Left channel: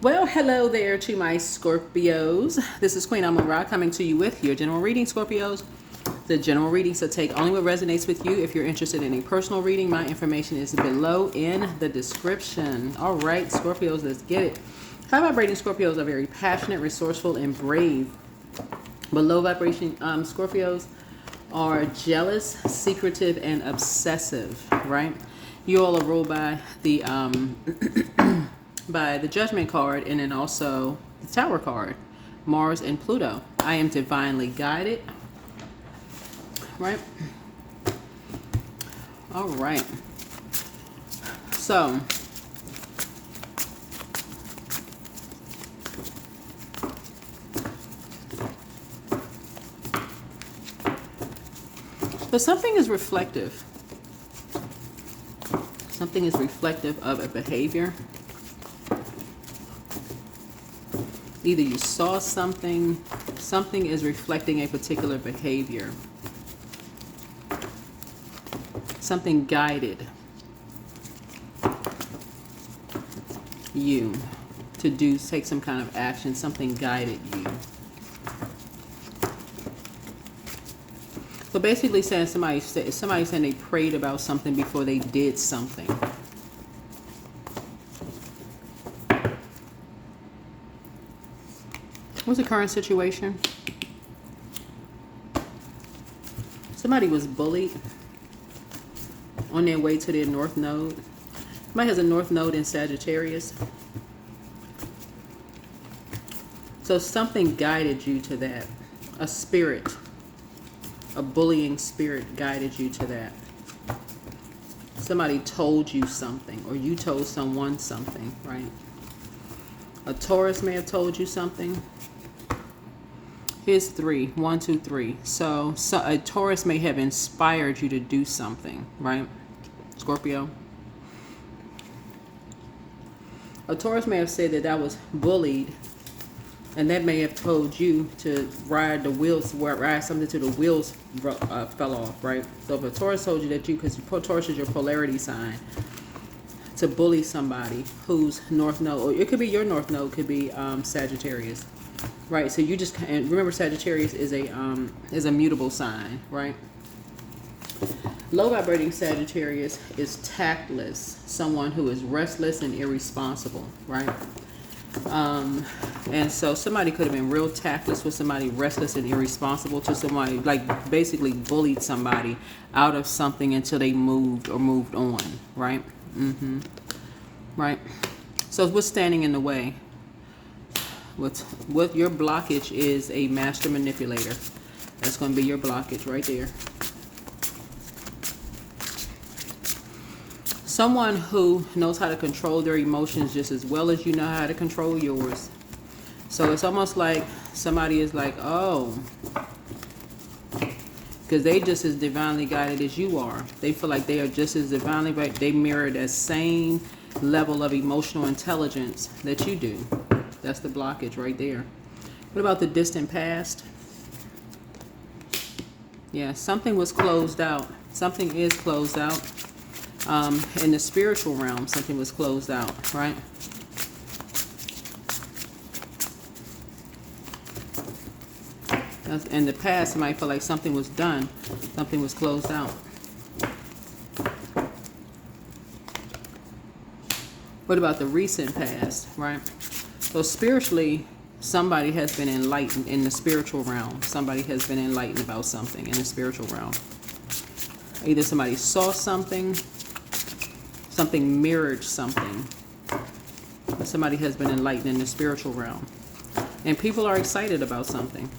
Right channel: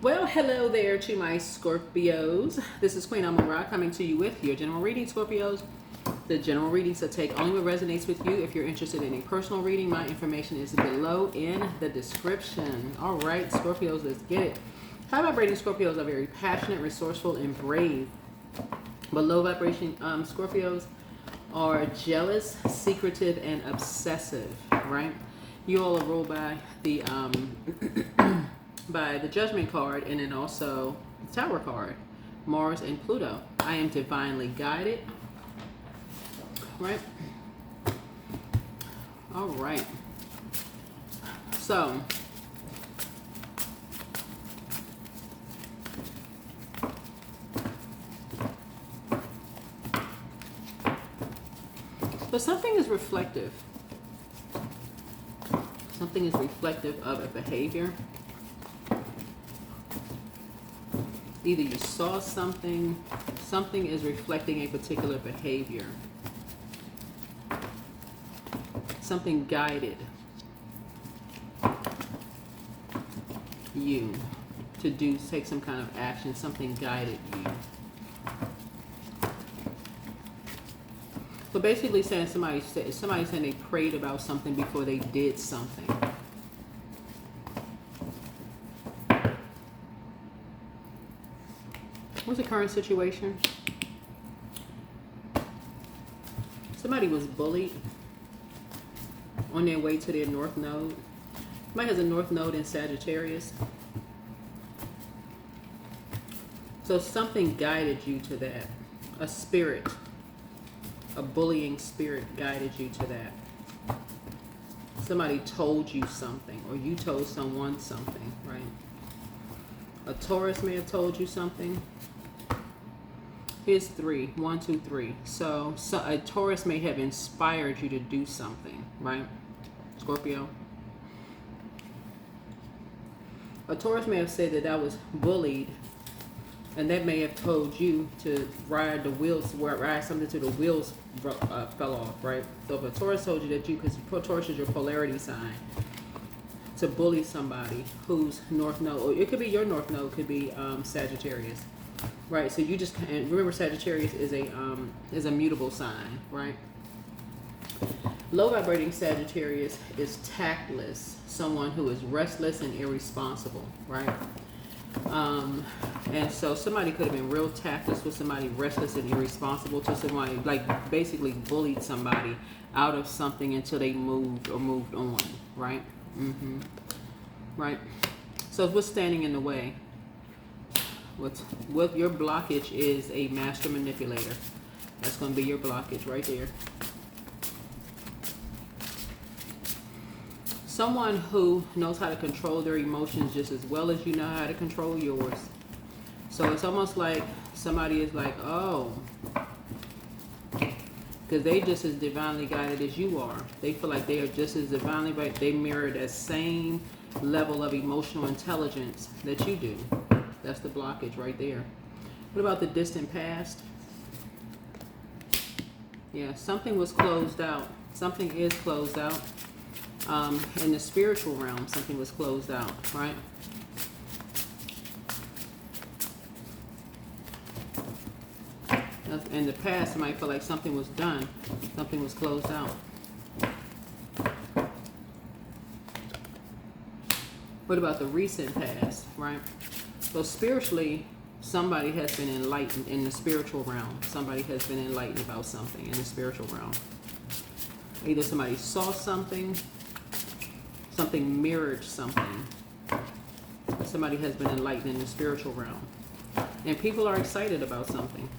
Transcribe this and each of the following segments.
Well, hello there to my Scorpios. This is Queen Amun Ra coming to you with your general reading, Scorpios. The general readings will take only what resonates with you. If you're interested in a personal reading, my information is below in the description. All right, Scorpios, let's get it. High vibrating Scorpios are very passionate, resourceful, and brave. But low vibration Scorpios are jealous, secretive, and obsessive, right? You all are ruled by the by the Judgment card, and then also the Tower card, Mars and Pluto. I am divinely guided, right? All right. So something is reflective. Something is reflective of a behavior. Either you saw something, something is reflecting a particular behavior. Something guided you to take some kind of action. Something guided you. So basically saying somebody saying they prayed about something before they did something. What's the current situation? Somebody was bullied on their way to their North Node. Somebody has a North Node in Sagittarius. So something guided you to that. A spirit, a bullying spirit guided you to that. Somebody told you something, or you told someone something, right? A Taurus may have told you something. Here's 3. 1, 2, 3. So a Taurus may have inspired you to do something, right? Scorpio. A Taurus may have said that I was bullied, and that may have told you to ride something till the wheels fell off, right? So if a Taurus told you that because Taurus is your polarity sign, to bully somebody who's North Node, or it could be your North Node, could be Sagittarius. Right, so you just, and remember Sagittarius is a mutable sign, right? Low vibrating Sagittarius is tactless, someone who is restless and irresponsible, right? And so somebody could have been real tactless with somebody restless and irresponsible to somebody, like basically bullied somebody out of something until they moved on, right? Right. So what's standing in the way? What your blockage is a master manipulator. That's going to be your blockage right there. Someone who knows how to control their emotions just as well as you know how to control yours. So it's almost like somebody is like, oh, because they just as divinely guided as you are. They feel like they are just as divinely guided. They mirror that same level of emotional intelligence that you do. That's the blockage right there. What about the distant past? Yeah, something was closed out. Something is closed out. In the spiritual realm, something was closed out, right? In the past, you might feel like something was done. Something was closed out. What about the recent past, right? So spiritually, somebody has been enlightened in the spiritual realm. Somebody has been enlightened about something in the spiritual realm. Either somebody saw something, something mirrored something. Somebody has been enlightened in the spiritual realm. And people are excited about something.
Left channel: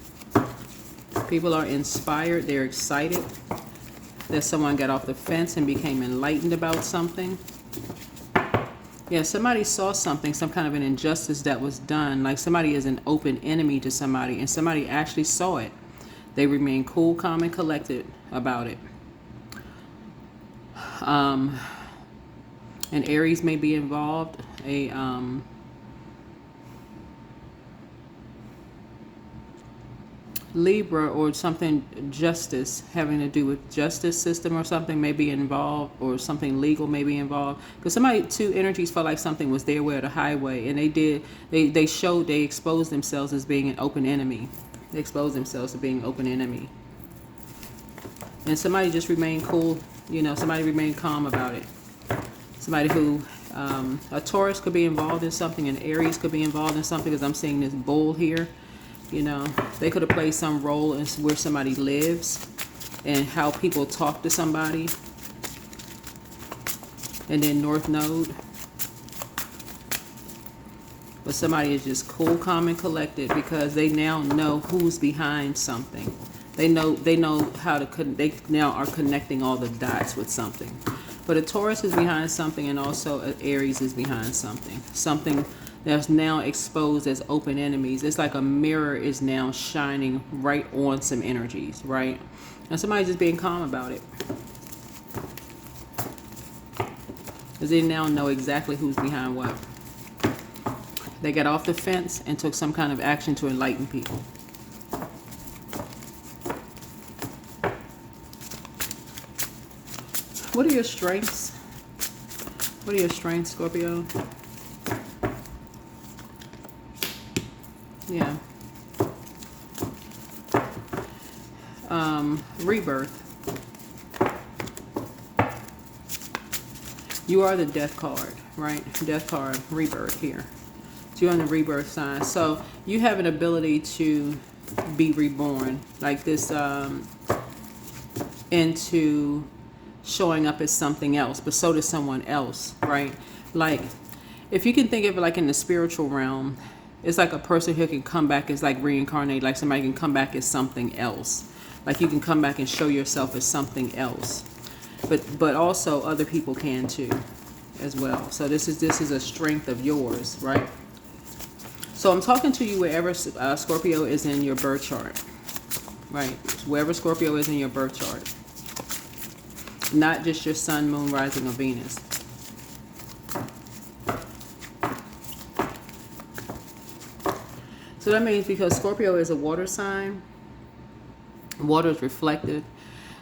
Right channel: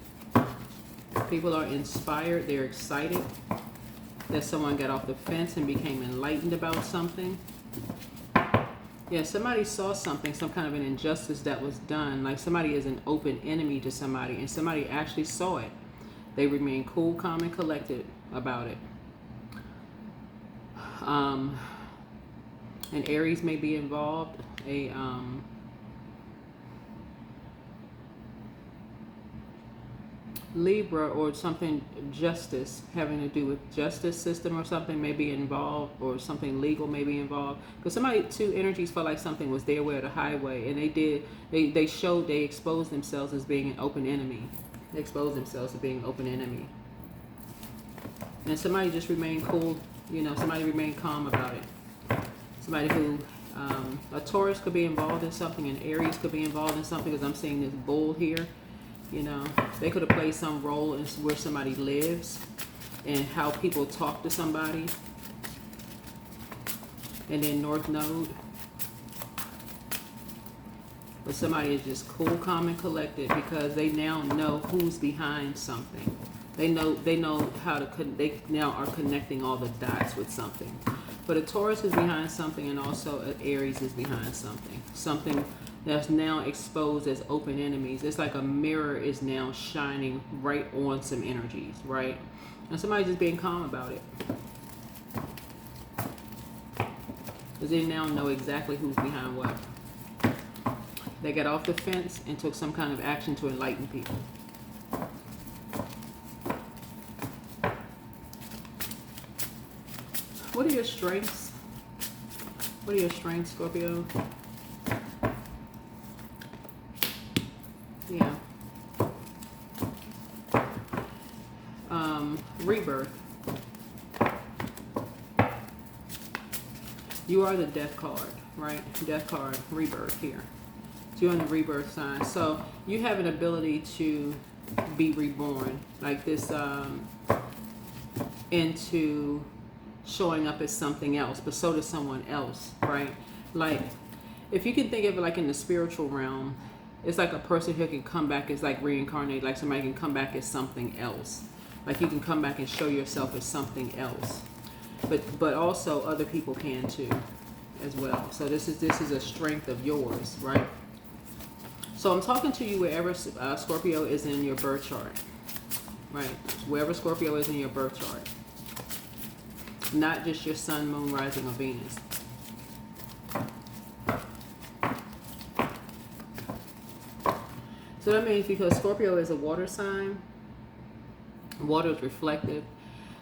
People are inspired. They're excited that someone got off the fence and became enlightened about something. Yeah, somebody saw something, some kind of an injustice that was done. Like somebody is an open enemy to somebody, and somebody actually saw it. They remain cool, calm, and collected about it. An Aries may be involved. Libra or something justice, having to do with justice system or something may be involved, or something legal may be involved. Because somebody, two energies felt like something was their way or the highway, and they exposed themselves as being an open enemy. They exposed themselves to being open enemy. And somebody just remained cool, somebody remained calm about it. Somebody who, a Taurus could be involved in something, an Aries could be involved in something, because I'm seeing this bull here. They could have played some role in where somebody lives and how people talk to somebody. And then North Node. But somebody is just cool, calm, and collected because they now know who's behind something. They know how to, they now are connecting all the dots with something. But a Taurus is behind something, and also an Aries is behind something. Something that's now exposed as open enemies. It's like a mirror is now shining right on some energies, right? And somebody's just being calm about it. Because they now know exactly who's behind what. They got off the fence and took some kind of action to enlighten people. What are your strengths? What are your strengths, Scorpio? Yeah. Rebirth. You are the death card, right? Death card, rebirth here. So you're on the rebirth sign. So you have an ability to be reborn, like this, into showing up as something else, but so does someone else, right? Like, if you can think of it like in the spiritual realm, it's like a person who can come back as like reincarnate, like somebody can come back as something else. Like you can come back and show yourself as something else. But also other people can too, as well. So this is a strength of yours, right? So I'm talking to you wherever Scorpio is in your birth chart, right? Wherever Scorpio is in your birth chart. Not just your sun, moon, rising, or Venus. So that means because Scorpio is a water sign, water is reflective.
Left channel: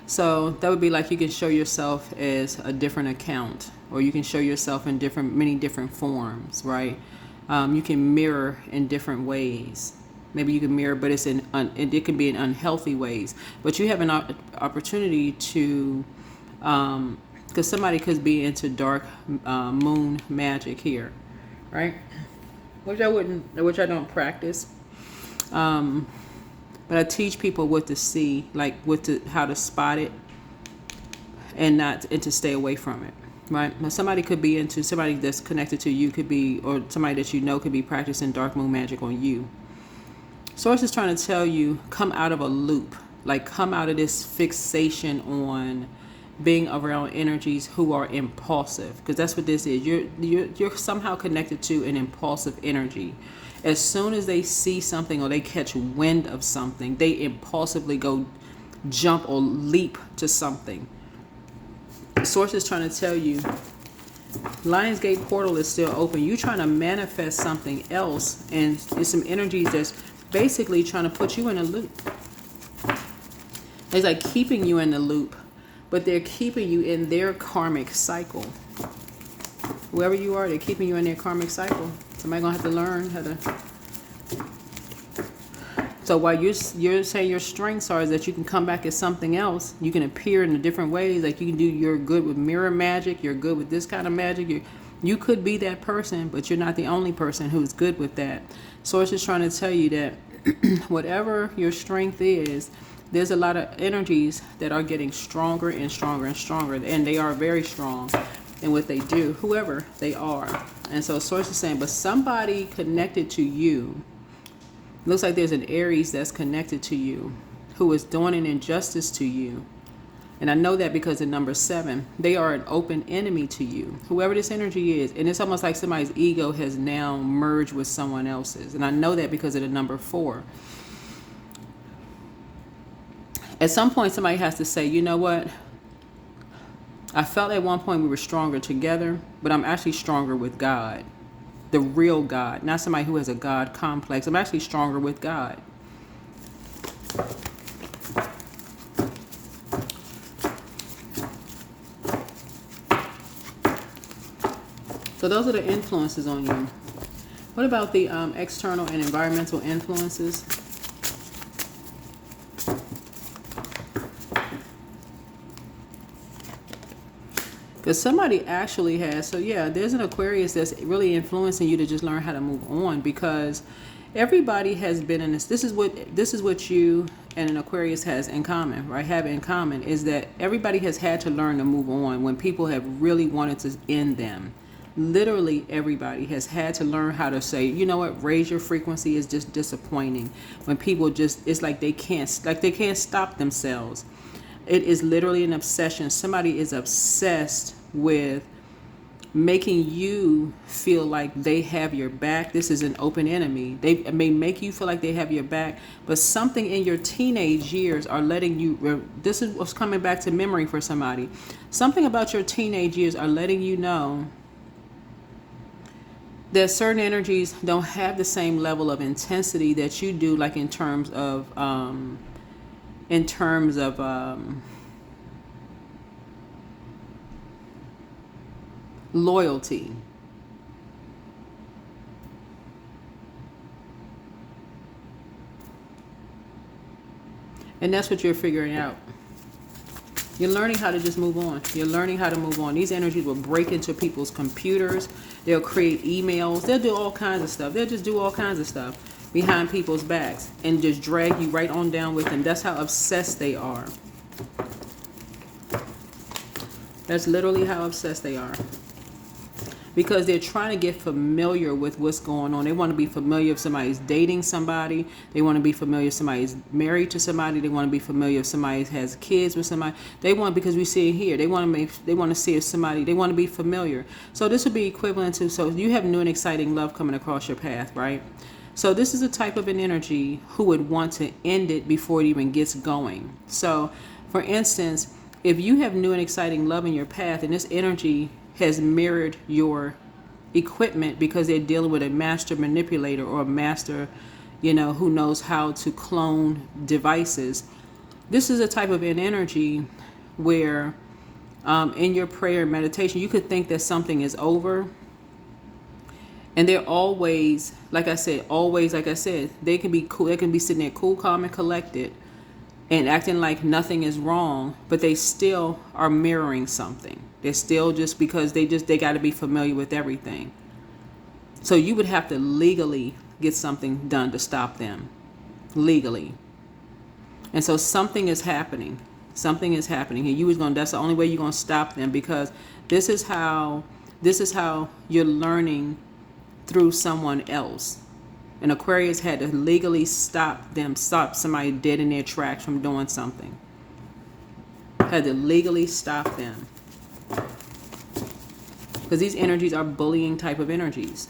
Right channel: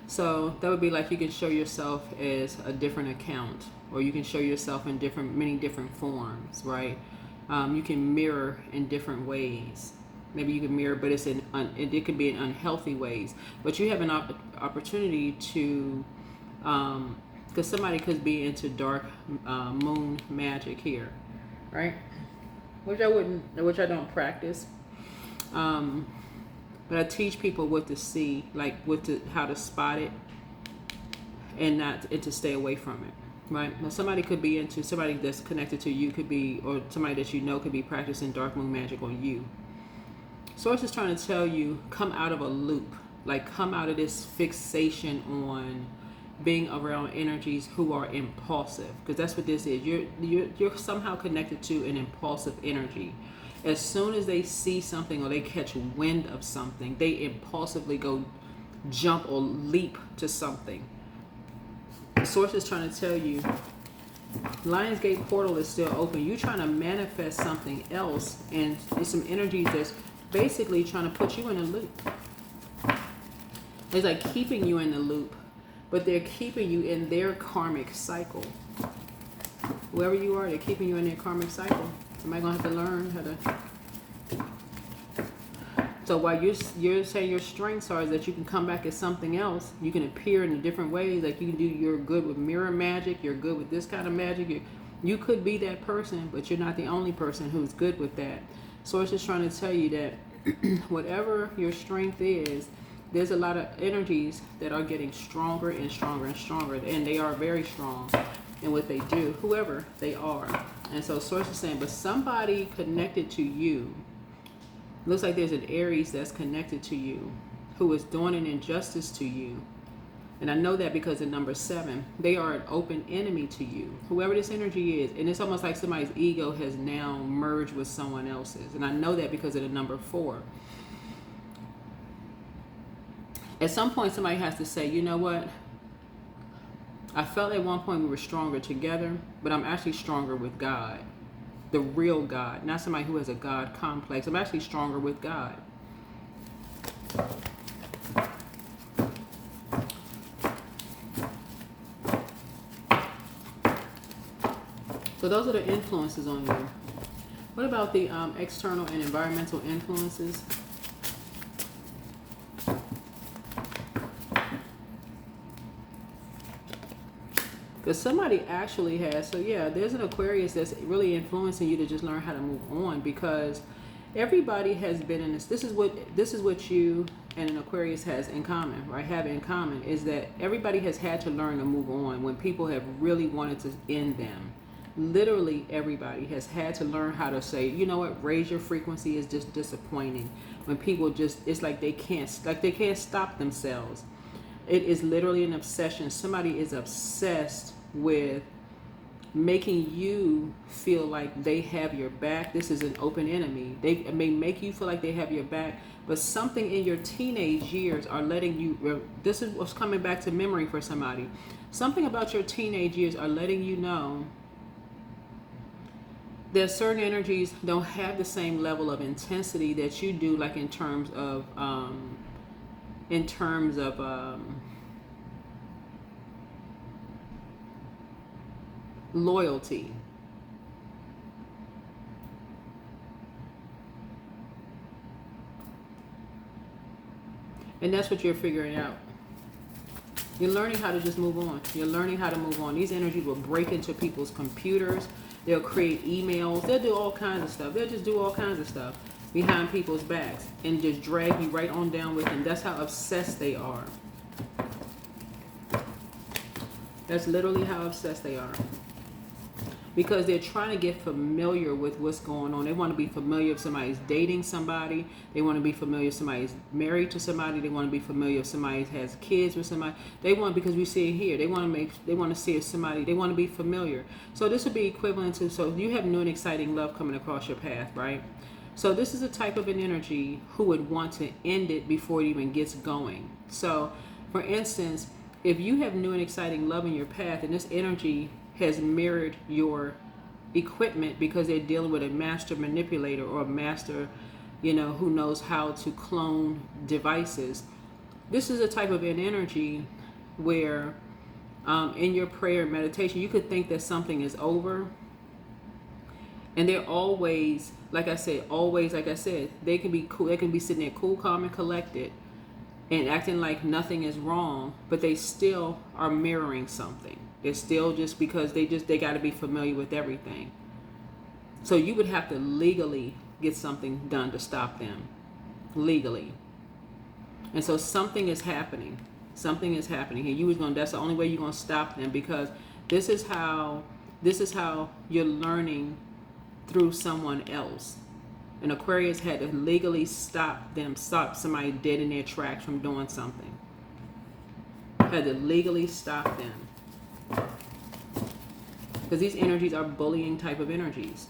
So that would be like you can show yourself as a different account, or you can show yourself in many different forms, right? You can mirror in different ways. Maybe you can mirror, but it can be in unhealthy ways. But you have an opportunity to, because somebody could be into dark moon magic here, right? Which I don't practice. But I teach people what to see, like how to spot it, and to stay away from it, right? Now somebody that's connected to you could be, or somebody that you know could be practicing dark moon magic on you. Source is trying to tell you, come out of a loop, like come out of this fixation on being around energies who are impulsive, because that's what this is. You're somehow connected to an impulsive energy. As soon as they see something or they catch wind of something, they impulsively go jump or leap to something. The source is trying to tell you, Lionsgate portal is still open. You're trying to manifest something else, and it's some energies that's basically trying to put you in a loop. It's like keeping you in the loop, but they're keeping you in their karmic cycle. Whoever you are, they're keeping you in their karmic cycle. Somebody's going to have to learn how to... So while you're saying your strengths are is that you can come back as something else, you can appear in different ways. Like you're good with mirror magic, you're good with this kind of magic. You could be that person, but you're not the only person who's good with that. Source is trying to tell you that whatever your strength is, there's a lot of energies that are getting stronger and stronger and stronger, and they are very strong in what they do, whoever they are. And so Source is saying, but somebody connected to you, looks like there's an Aries that's connected to you who is doing an injustice to you. And I know that because of number 7, they are an open enemy to you, whoever this energy is. And it's almost like somebody's ego has now merged with someone else's. And I know that because of the number 4. At some point, somebody has to say, you know what? I felt at one point we were stronger together, but I'm actually stronger with God. The real God, not somebody who has a God complex. I'm actually stronger with God. So those are the influences on you. What about the external and environmental influences? Because somebody actually has, so yeah, there's an Aquarius that's really influencing you to just learn how to move on, because everybody has been in this. This is what you and an Aquarius has in common, right? Have in common is that everybody has had to learn to move on when people have really wanted to end them. Literally everybody has had to learn how to say, you know what, raise your frequency is just disappointing. When people just, it's like they can't stop themselves. It is literally an obsession. Somebody is obsessed with making you feel like they have your back. This is an open enemy. They may make you feel like they have your back, but something in your teenage years are letting you, this is what's coming back to memory for somebody. Something about your teenage years are letting you know that certain energies don't have the same level of intensity that you do, like in terms of loyalty. And that's what you're figuring out. You're learning how to just move on. You're learning how to move on. These energies will break into people's computers. They'll create emails. They'll do all kinds of stuff. They'll just do all kinds of stuff behind people's backs and just drag you right on down with them. That's how obsessed they are. That's literally how obsessed they are. Because they're trying to get familiar with what's going on. They want to be familiar if somebody's dating somebody. They want to be familiar if somebody's married to somebody. They want to be familiar if somebody has kids with somebody. They want, because we see it here, they want to see if somebody, they want to be familiar. So this would be equivalent to, so you have new and exciting love coming across your path, right? So this is a type of an energy who would want to end it before it even gets going. So for instance, if you have new and exciting love in your path and this energy has mirrored your equipment because they're dealing with a master manipulator or a master, who knows how to clone devices. This is a type of an energy where in your prayer and meditation, you could think that something is over. And they're always, like I said, they can be cool. They can be sitting there cool, calm, and collected and acting like nothing is wrong, but they still are mirroring something. They're still just because they got to be familiar with everything. So you would have to legally get something done to stop them, legally. And so something is happening. Something is happening. And that's the only way you're going to stop them, because this is how you're learning through someone else. An Aquarius had to legally stop somebody dead in their tracks from doing something. Had to legally stop them. Because these energies are bullying type of energies.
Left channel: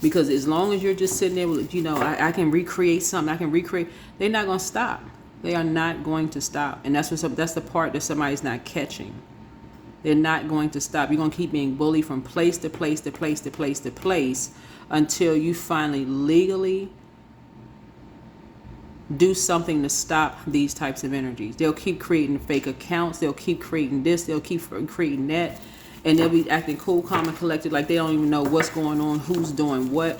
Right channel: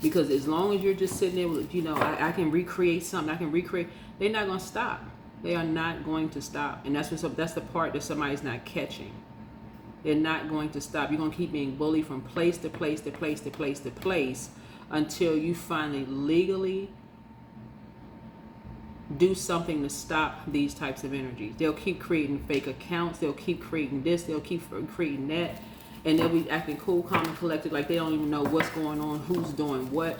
Because as long as you're just sitting there with, I can recreate something, they're not going to stop. They are not going to stop. And that's the part that somebody's not catching. They're not going to stop. You're going to keep being bullied from place to place to place to place to place until you finally legally do something to stop these types of energies. They'll keep creating fake accounts. They'll keep creating this. They'll keep creating that. And they'll be acting cool, calm, and collected like they don't even know what's going on, who's doing what.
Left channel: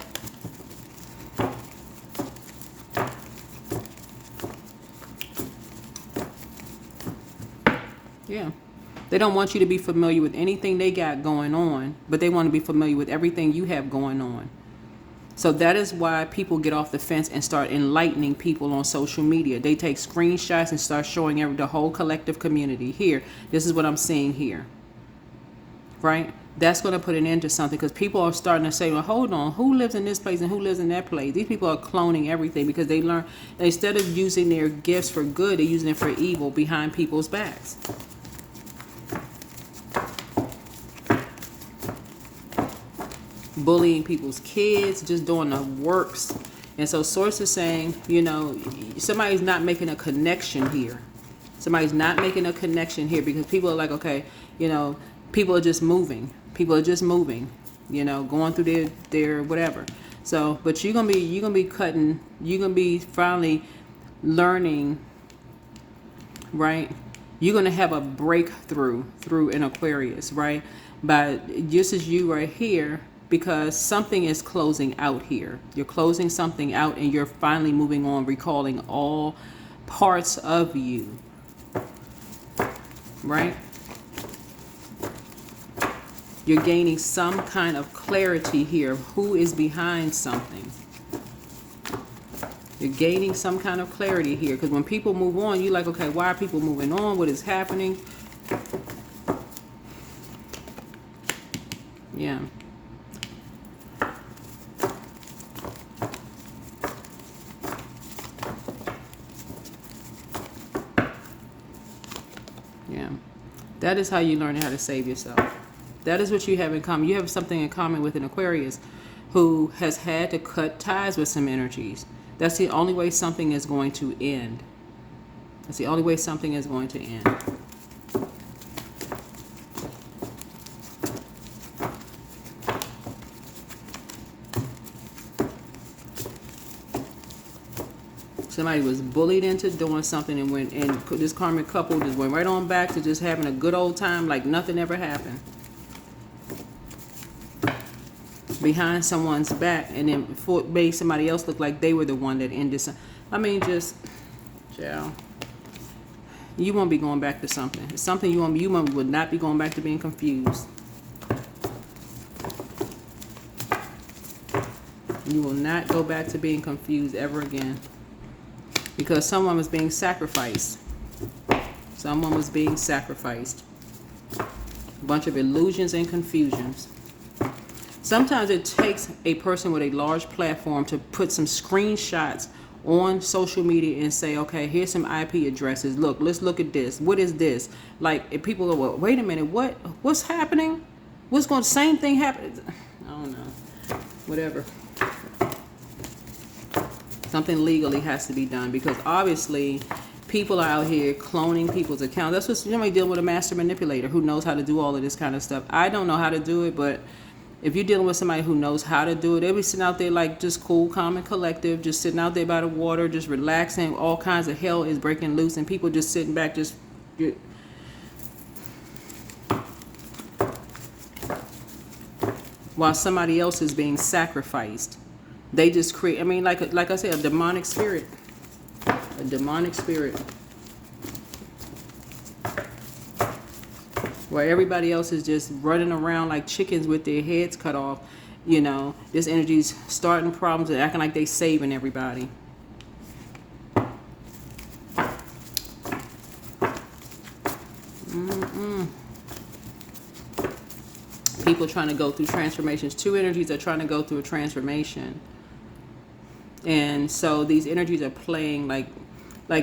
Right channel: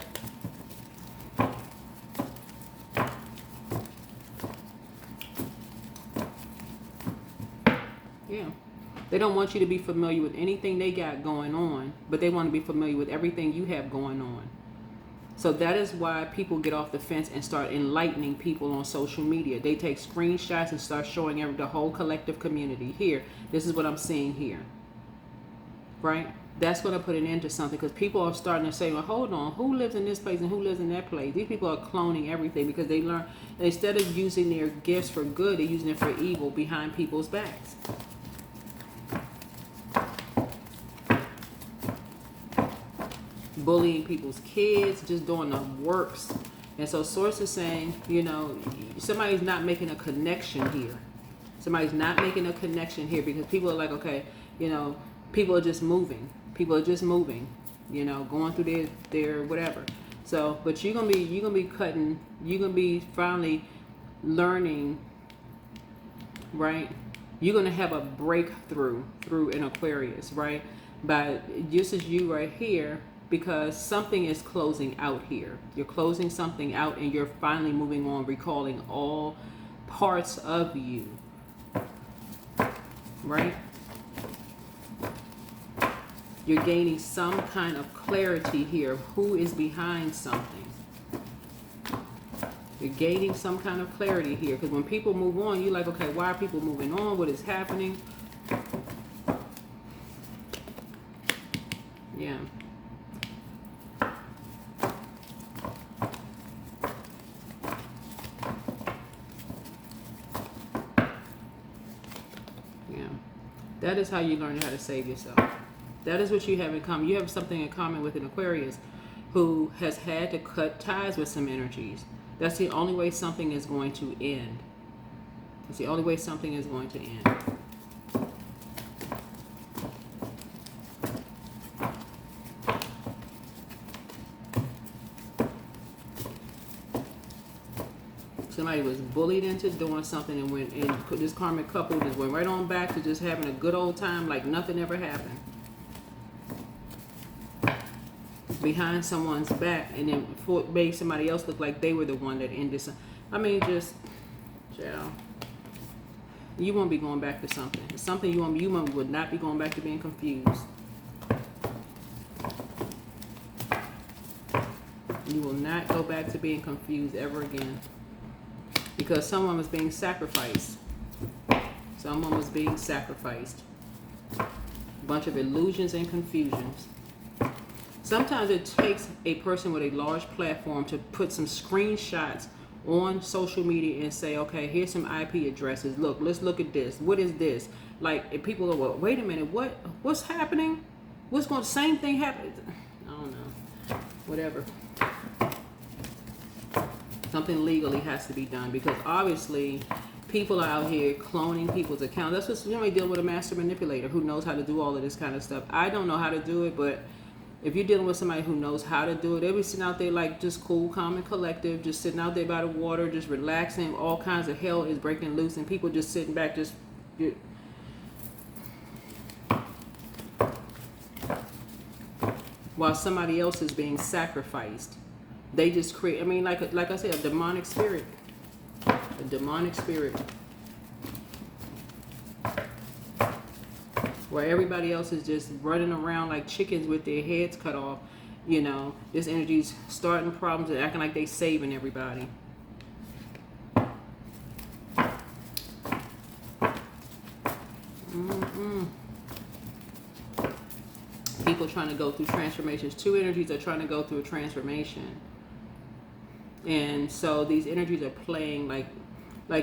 Yeah. They don't want you to be familiar with anything they got going on, but they want to be familiar with everything you have going on. So that is why people get off the fence and start enlightening people on social media. They take screenshots and start showing the whole collective community. Here, this is what I'm seeing here. Right? That's going to put an end to something, because people are starting to say, well, hold on, who lives in this place and who lives in that place? These people are cloning everything because they learn, instead of using their gifts for good, they're using it for evil behind people's backs. Bullying people's kids, just doing the works. And so Source is saying, somebody's not making a connection here. Somebody's not making a connection here because people are like, okay, people are just moving. People are just moving, going through their whatever. So, but you're gonna be finally learning, right? You're gonna have a breakthrough through an Aquarius, right? But this is you right here, because something is closing out here. You're closing something out and you're finally moving on, recalling all parts of you, right? You're gaining some kind of clarity here. Who is behind something? You're gaining some kind of clarity here, because when people move on, you're like, okay, why are people moving on? What is happening? Yeah. Yeah. That is how you learn how to save yourself. That is what you have in common. You have something in common with an Aquarius who has had to cut ties with some energies. That's the only way something is going to end. That's the only way something is going to end. Somebody was bullied into doing something and went, and this karmic couple just went right on back to just having a good old time like nothing ever happened. Behind someone's back, and then made somebody else look like they were the one that ended something. I mean, just, yeah. You won't be going back to something. It's something you would not be going back to being confused. You will not go back to being confused ever again. Because someone was being sacrificed. Someone was being sacrificed. A bunch of illusions and confusions. Sometimes it takes a person with a large platform to put some screenshots on social media and say, okay, here's some IP addresses. Look, let's look at this. What is this? Like, if people go, well, wait a minute, what's happening? What's going, same thing happened? I don't know. Whatever. Something legally has to be done, because obviously people are out here cloning people's accounts. That's what somebody dealing with, a master manipulator who knows how to do all of this kind of stuff. I don't know how to do it, but if you're dealing with somebody who knows how to do it, they'll be sitting out there like just cool, calm, and collective, just sitting out there by the water, just relaxing. All kinds of hell is breaking loose, and people just sitting back, just. While somebody else is being sacrificed. They just create, I mean, like I said, a demonic spirit. A demonic spirit. Where everybody else is just running around like chickens with their heads cut off. You know, this energy's starting problems and acting like they saving everybody. People trying to go through transformations. Two energies are trying to go through a transformation. And so these energies are playing like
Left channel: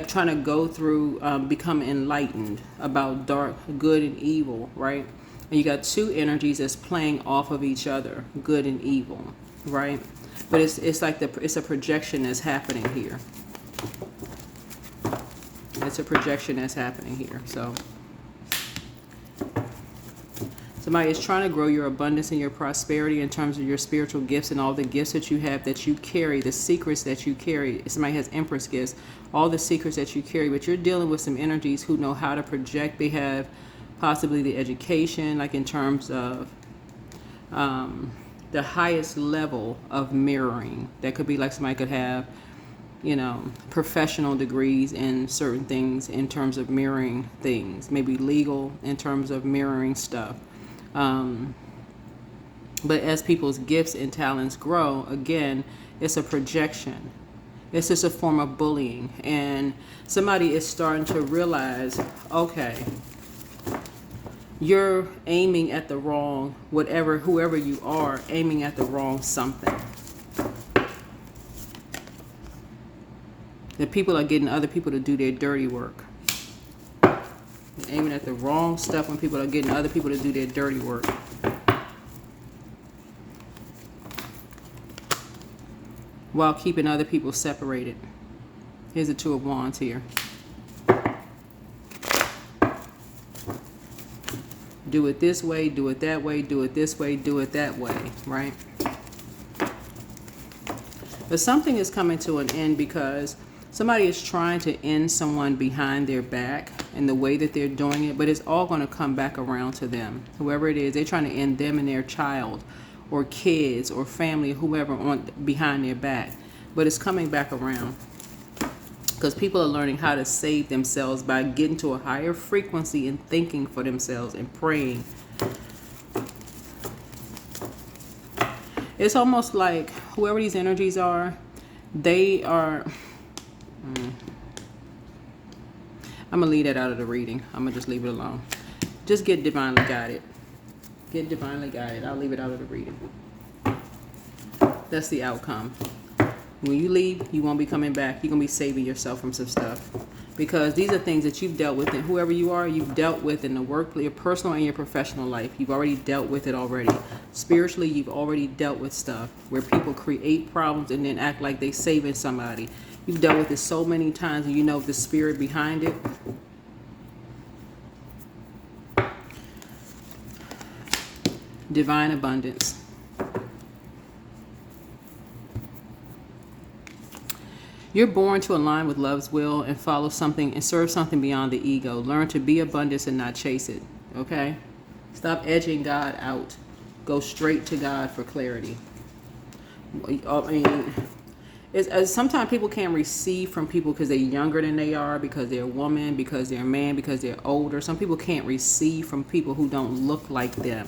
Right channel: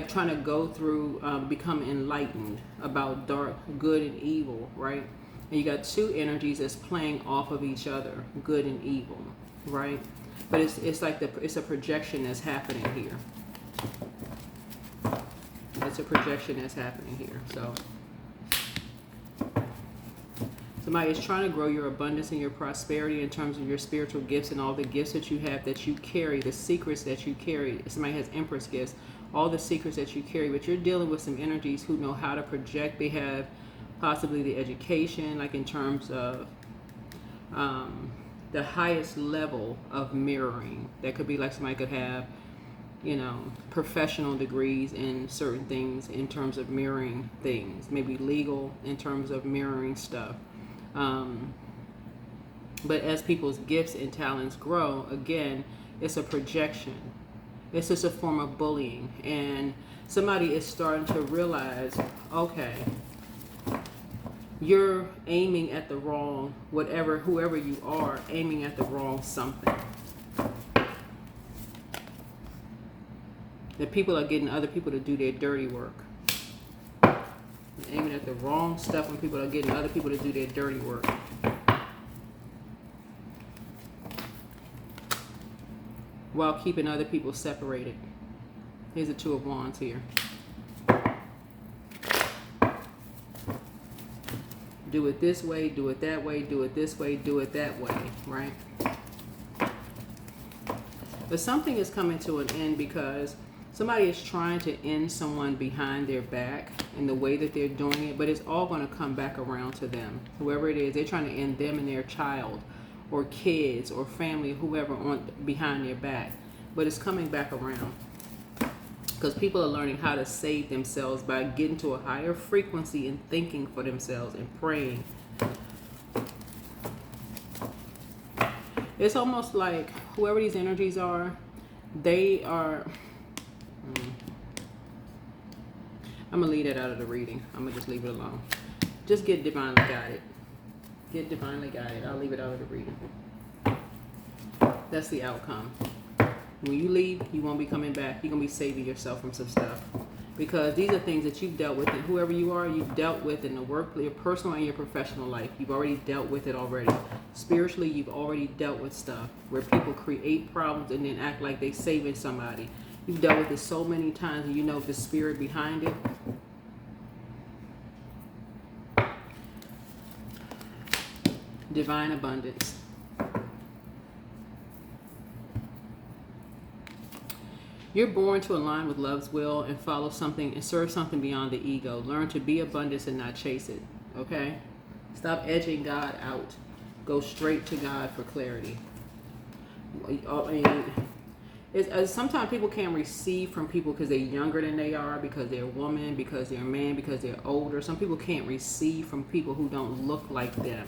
trying to go through, become enlightened about dark, good, and evil, right? And you got two energies that's playing off of each other, good and evil, right? But it's like it's a projection that's happening here. It's a projection that's happening here. So somebody is trying to grow your abundance and your prosperity in terms of your spiritual gifts and all the gifts that you have, that you carry, the secrets that you carry. Somebody has Empress gifts, all the secrets that you carry, but you're dealing with some energies who know how to project. They have possibly the education, like in terms of the highest level of mirroring. That could be like somebody could have, you know, professional degrees in certain things in terms of mirroring things, maybe legal in terms of mirroring stuff. But as people's gifts and talents grow, again, it's a projection. It's just a form of bullying. And somebody is starting to realize, okay, you're aiming at the wrong, whoever you are, aiming at the wrong something. That people are getting other people to do their dirty work. Aiming at the wrong stuff when people are getting other people to do their dirty work. While keeping other people separated. Here's the Two of Wands here. Do it this way, do it that way, do it this way, do it that way, right? But something is coming to an end because Somebody is trying to end someone behind their back and the way that they're doing it, but it's all going to come back around to them. Whoever it is, they're trying to end them and their child or kids or family, whoever on behind their back. But it's coming back around because people are learning how to save themselves by getting to a higher frequency and thinking for themselves and praying. It's almost like whoever these energies are, they are... I'm going to leave that out of the reading. I'm going to just leave it alone. Just get divinely guided. Get divinely guided. I'll leave it out of the reading. That's the outcome. When you leave, you won't be coming back. You're going to be saving yourself from some stuff. Because these are things that you've dealt with. And whoever you are, you've dealt with in the work, your personal and your professional life. You've already dealt with it already. Spiritually, you've already dealt with stuff where people create problems and then act like they're saving somebody. You've dealt with it so many times and you know the spirit behind it. Divine abundance. You're born to align with love's will and follow something and serve something beyond the ego. Learn to be abundance and not chase it. Okay? Stop edging God out. Go straight to God for clarity. I mean, sometimes people can't receive from people because they're younger than they are, because they're a woman, because they're a man, because they're older. Some people can't receive from people who don't look like them.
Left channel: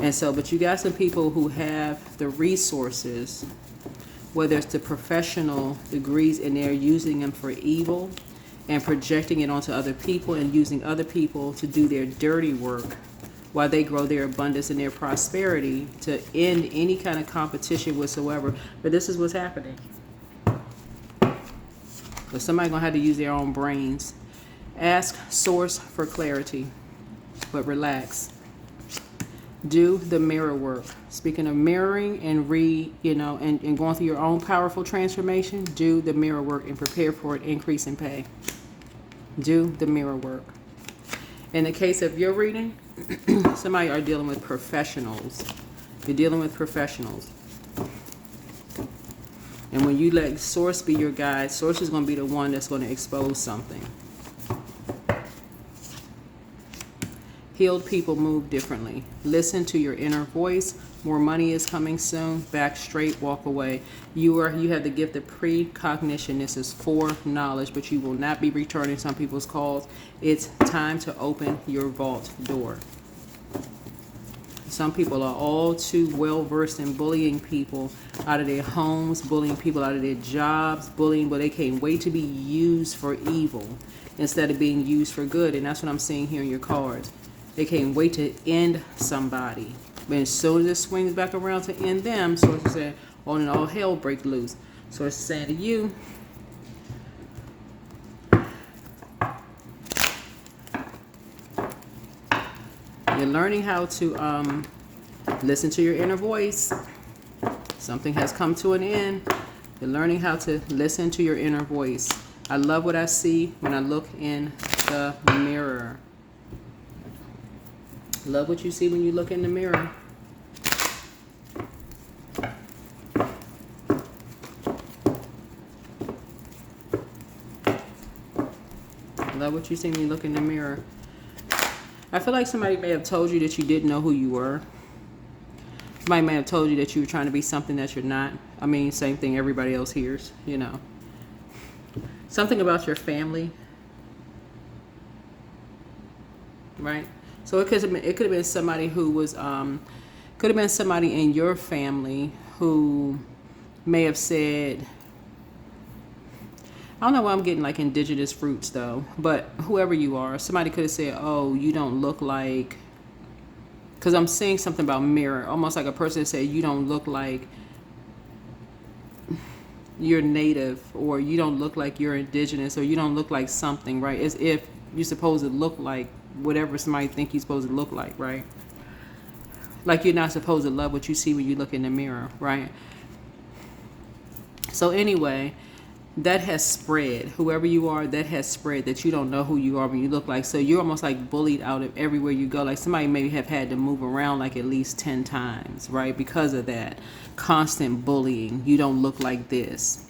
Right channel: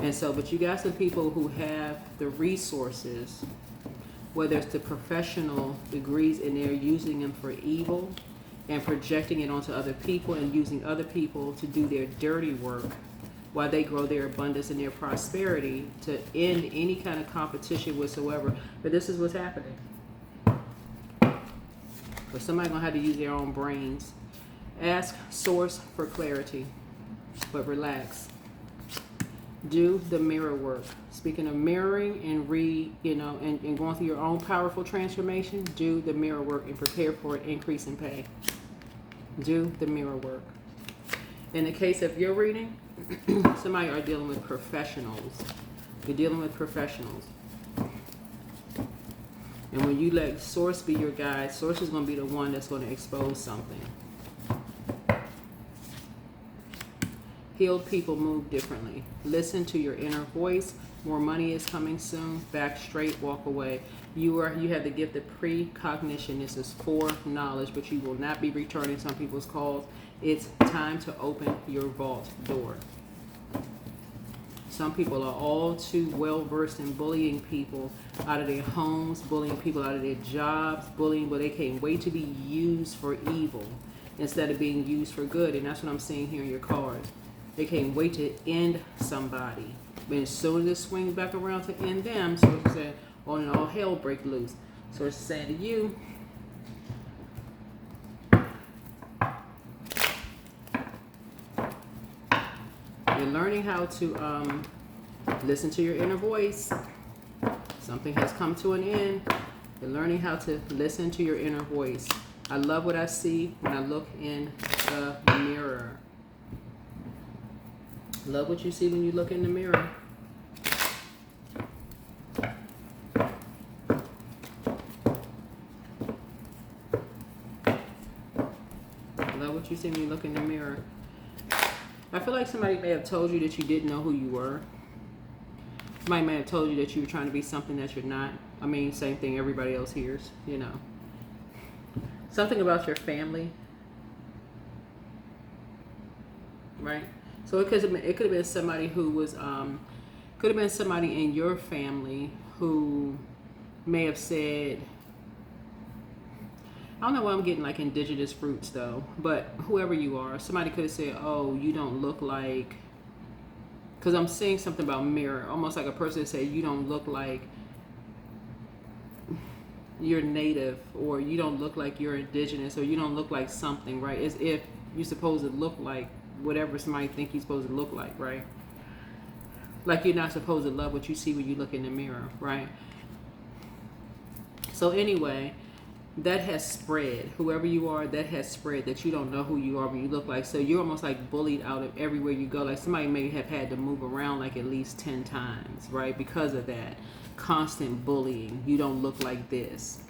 And so, but you got some people who have the resources, whether it's the professional degrees, and they're using them for evil and projecting it onto other people and using other people to do their dirty work while they grow their abundance and their prosperity to end any kind of competition whatsoever. But this is what's happening. But somebody's going to have to use their own brains. Ask source for clarity, but relax. Do the mirror work. Speaking of mirroring and and going through your own powerful transformation, do the mirror work and prepare for an increase in pay. Do the mirror work. In the case of your reading, somebody are dealing with professionals. You're dealing with professionals. And when you let source be your guide, source is going to be the one that's going to expose something. Healed people move differently. Listen to your inner voice. More money is coming soon. Back straight, walk away. You have the gift of precognition. This is foreknowledge, but you will not be returning some people's calls. It's time to open your vault door. Some people are all too well versed in bullying people out of their homes, bullying people out of their jobs, bullying, but they can't wait to be used for evil instead of being used for good. And that's what I'm seeing here in your cards. They can't wait to end somebody. But as soon as it swings back around to end them, so it's saying, oh, and all hell break loose. So it's saying to you, you're learning how to listen to your inner voice. Something has come to an end. You're learning how to listen to your inner voice. I love what I see when I look in the mirror. Love what you see when you look in the mirror. Love what you see when you look in the mirror. I feel like somebody may have told you that you didn't know who you were. Somebody may have told you that you were trying to be something that you're not. I mean, same thing everybody else hears, you know. Something about your family. Right? So it could have been somebody who was, could have been somebody in your family who may have said, I don't know why I'm getting like indigenous fruits though, but whoever you are, somebody could have said, oh, you don't look like, because I'm saying something about mirror, almost like a person said, you don't look like you're native, or you don't look like you're indigenous, or you don't look like something, right? As if you're supposed to look like whatever somebody think you're supposed to look like, right? Like you're not supposed to love what you see when you look in the mirror, right? So anyway, that has spread. Whoever you are, that has spread, that you don't know who you are when you look like. So you're almost like bullied out of everywhere you go. Like somebody maybe have had to move around like at least 10 times, right? Because of that constant bullying. You don't look like this.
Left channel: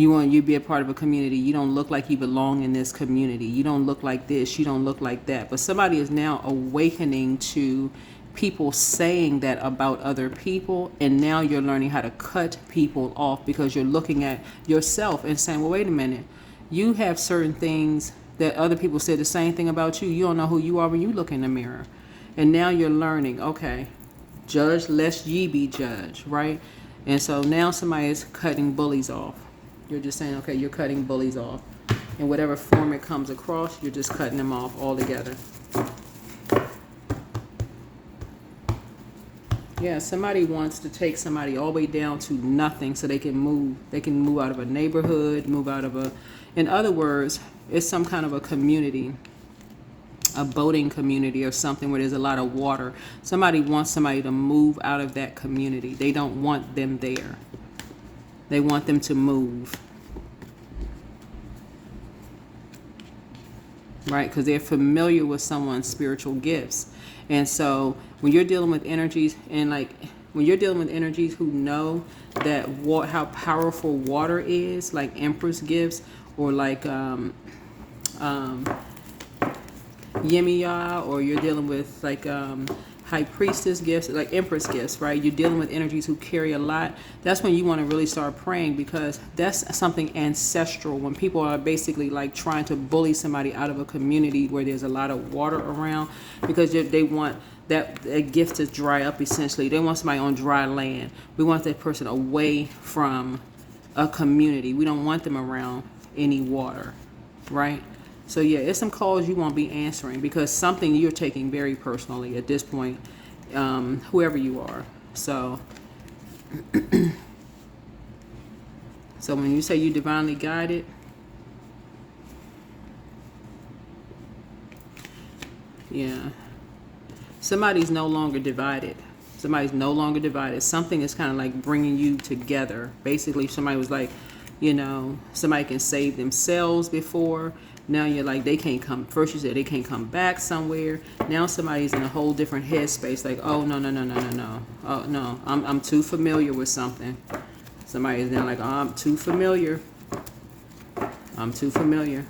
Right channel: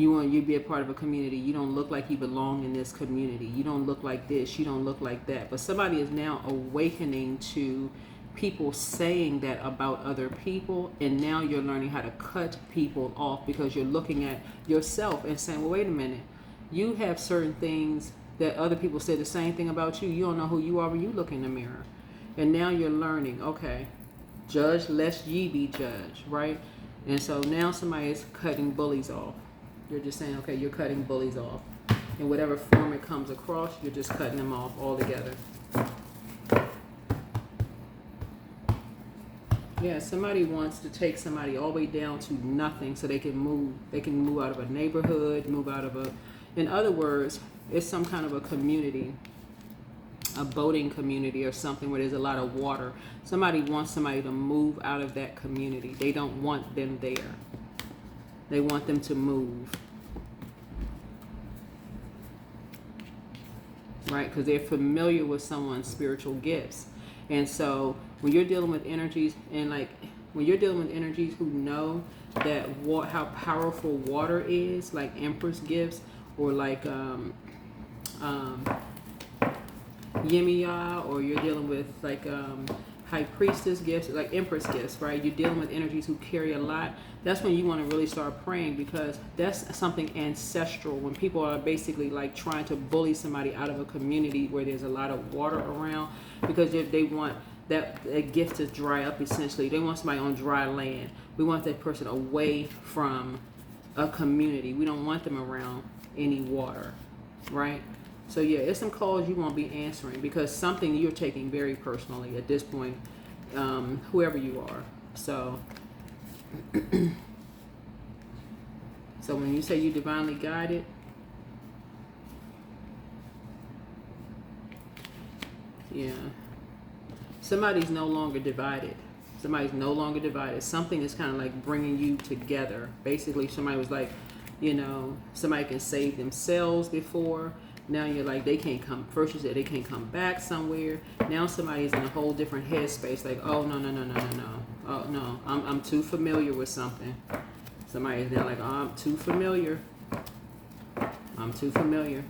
You be a part of a community. You don't look like you belong in this community. You don't look like this. You don't look like that. But somebody is now awakening to people saying that about other people, and now you're learning how to cut people off because you're looking at yourself and saying, well, wait a minute, you have certain things that other people said the same thing about you. You don't know who you are when you look in the mirror. And now you're learning, okay, judge lest ye be judged, right? And so now somebody is cutting bullies off. You're just saying, okay, you're cutting bullies off. In whatever form it comes across, you're just cutting them off altogether. Yeah, somebody wants to take somebody all the way down to nothing so they can move. They can move out of a neighborhood, move out of a... In other words, it's some kind of a community, a boating community or something where there's a lot of water. Somebody wants somebody to move out of that community. They don't want them there. They want them to move. Right? Because they're familiar with someone's spiritual gifts. And so when you're dealing with energies, and like when you're dealing with energies who know that how powerful water is, like Empress gifts, or like Yemiya, or you're dealing with like High Priestess gifts, like Empress gifts, right? You're dealing with energies who carry a lot. That's when you want to really start praying, because that's something ancestral. When people are basically like trying to bully somebody out of a community where there's a lot of water around, because they want that gift to dry up, essentially. They want somebody on dry land. We want that person away from a community. We don't want them around any water, right? So yeah, it's some calls you won't be answering, because something you're taking very personally at this point, whoever you are. So, so when you say you divinely guided, yeah, somebody's no longer divided. Somebody's no longer divided. Something is kind of like bringing you together. Basically, somebody was like, you know, somebody can save themselves before. Now you're like, they can't come. First you said they can't come back somewhere. Now somebody's in a whole different headspace. Like, oh, no. Oh, no, I'm too familiar with something. Somebody's now like, oh, I'm too familiar. I'm too familiar.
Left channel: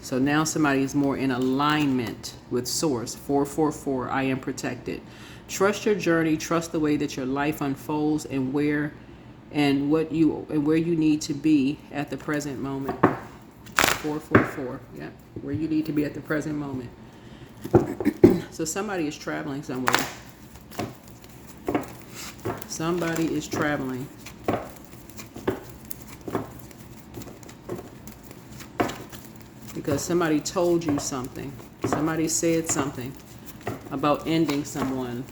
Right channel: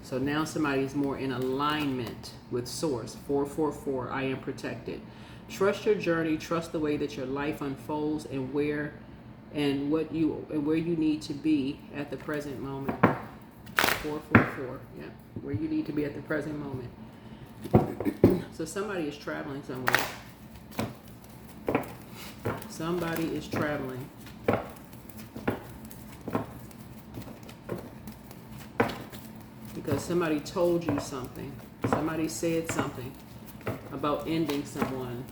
So now somebody is more in alignment with Source. 444, I am protected. Trust your journey. Trust the way that your life unfolds, and where you need to be at the present moment. 444, yeah, where you need to be at the present moment. So somebody is traveling somewhere. Somebody is traveling. Because somebody told you something. Somebody said something about ending someone.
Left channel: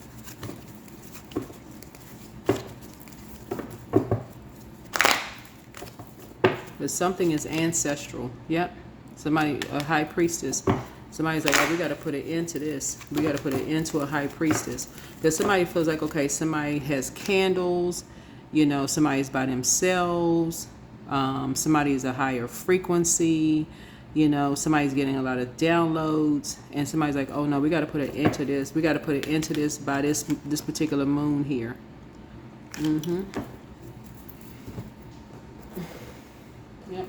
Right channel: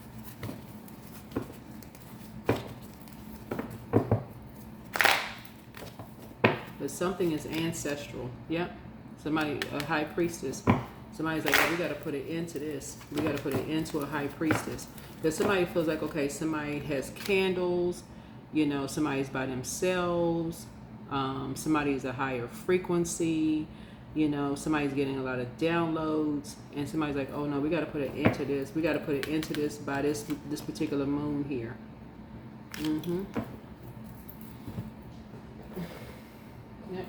But something is ancestral. Yep. Somebody, a high priestess. Somebody's like, oh, we got to put an end to this. We got to put an end to a high priestess. Because somebody feels like, okay, somebody has candles. You know, somebody's by themselves. Somebody's a higher frequency. You know, somebody's getting a lot of downloads. And somebody's like, oh, no, we got to put an end to this. We got to put an end to this by this particular moon here. Mm-hmm. Yep.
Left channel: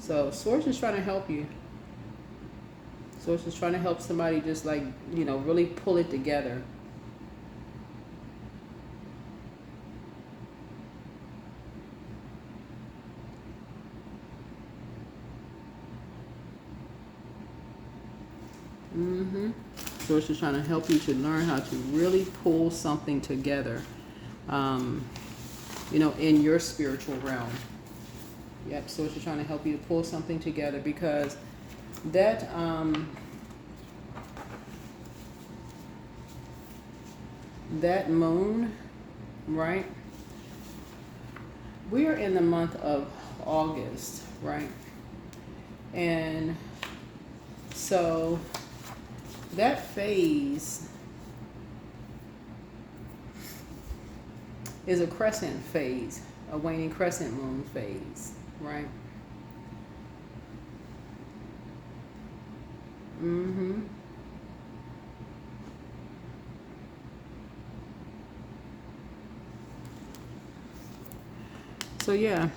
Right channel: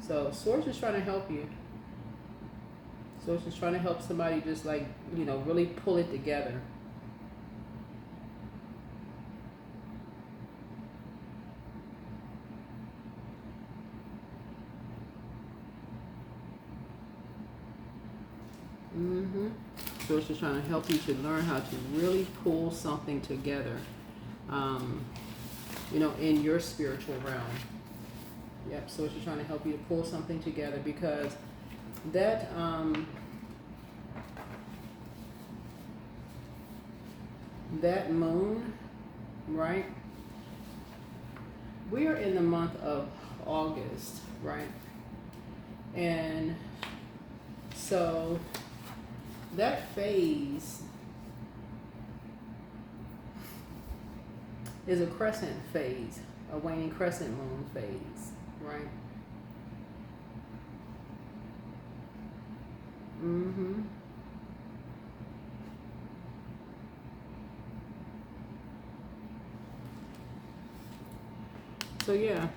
So Source is trying to help you. Source is trying to help somebody just like, you know, really pull it together. Mm-hmm. Source is trying to help you to learn how to really pull something together, you know, in your spiritual realm. Yep, Source is trying to help you to pull something together, because that that moon, right? We are in the month of August, right? And so that phase is a crescent phase, a waning crescent moon phase, right? Mm-hmm. So yeah.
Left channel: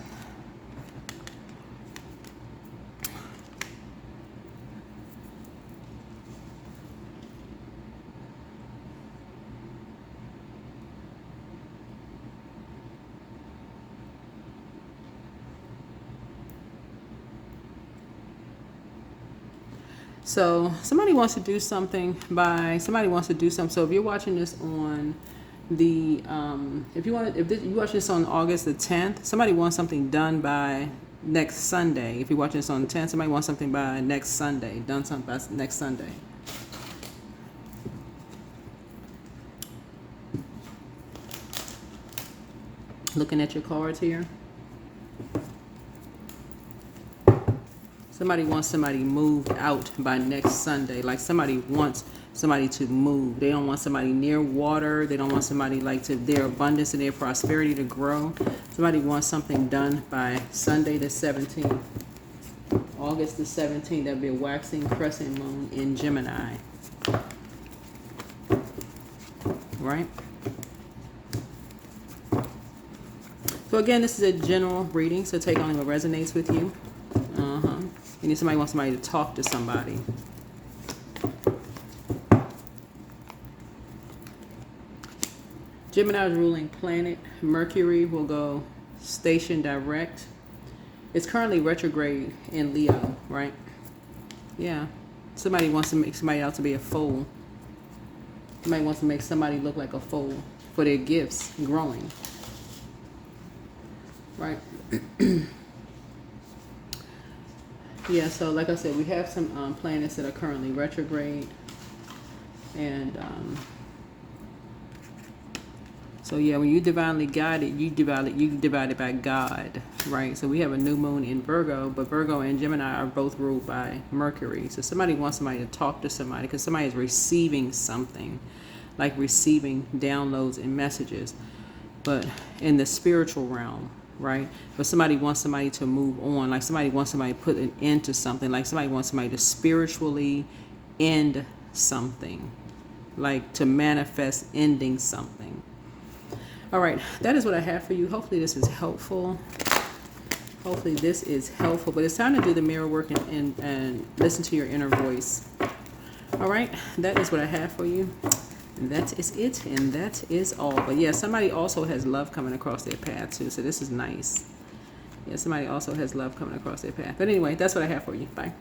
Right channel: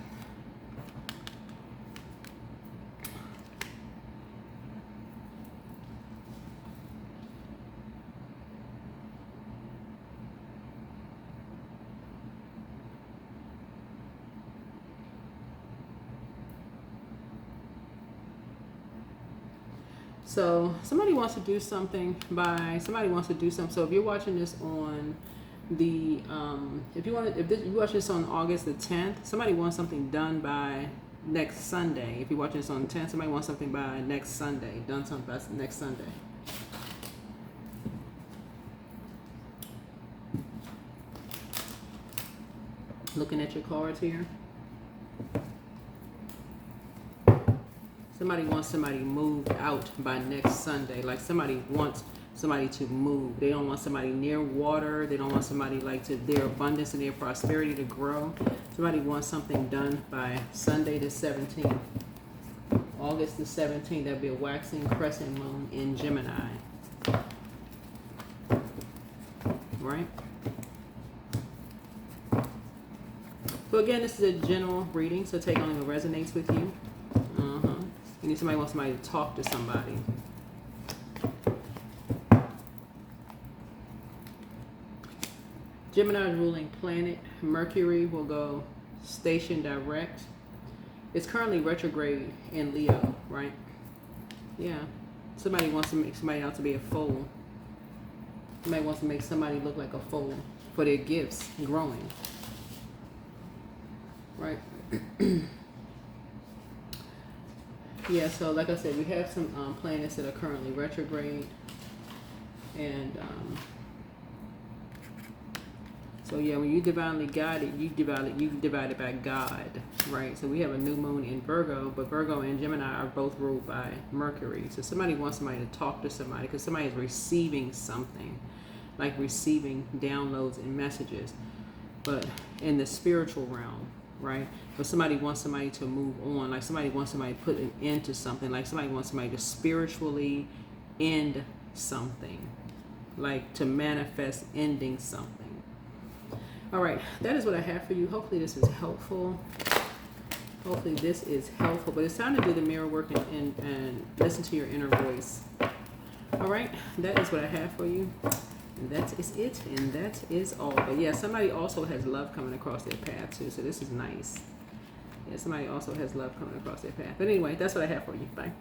So somebody wants to do something So if you're watching this on the if you're watching this on August the 10th, somebody wants something done by next Sunday. If you're watching this on the 10th, somebody wants something by next Sunday, done something by next Sunday. Looking at your cards here. Somebody wants somebody moved out by next Sunday. Like somebody wants somebody to move. They don't want somebody near water. They don't want somebody like to their abundance and their prosperity to grow. Somebody wants something done by Sunday the 17th. August the 17th. That'll be a waxing crescent moon in Gemini. Right? So again, this is a general reading, so take only what resonates with you. You need somebody wants somebody to talk to somebody. Gemini's ruling planet, Mercury, will go station direct. It's currently retrograde in Leo, right? Yeah. Somebody wants to make somebody out to be a fool. Somebody wants to make somebody look like a fool for their gifts growing. Right? Yeah, so like I said, we have some planets that are currently retrograde. And so yeah, when you divinely guided, you divided by God, right? So we have a new moon in Virgo, but Virgo and Gemini are both ruled by Mercury. So somebody wants somebody to talk to somebody because somebody is receiving something, like receiving downloads and messages, but in the spiritual realm. Right? But somebody wants somebody to move on. Like somebody wants somebody to put an end to something. Like somebody wants somebody to spiritually end something. Like to manifest ending something. All right. That is what I have for you. Hopefully this is helpful. But it's time to do the mirror work and listen to your inner voice. All right. That is what I have for you. And that is it, and that is all. But yeah, somebody also has love coming across their path too, so this is nice. Yeah, somebody also has love coming across their path. But anyway, that's what I have for you. Bye.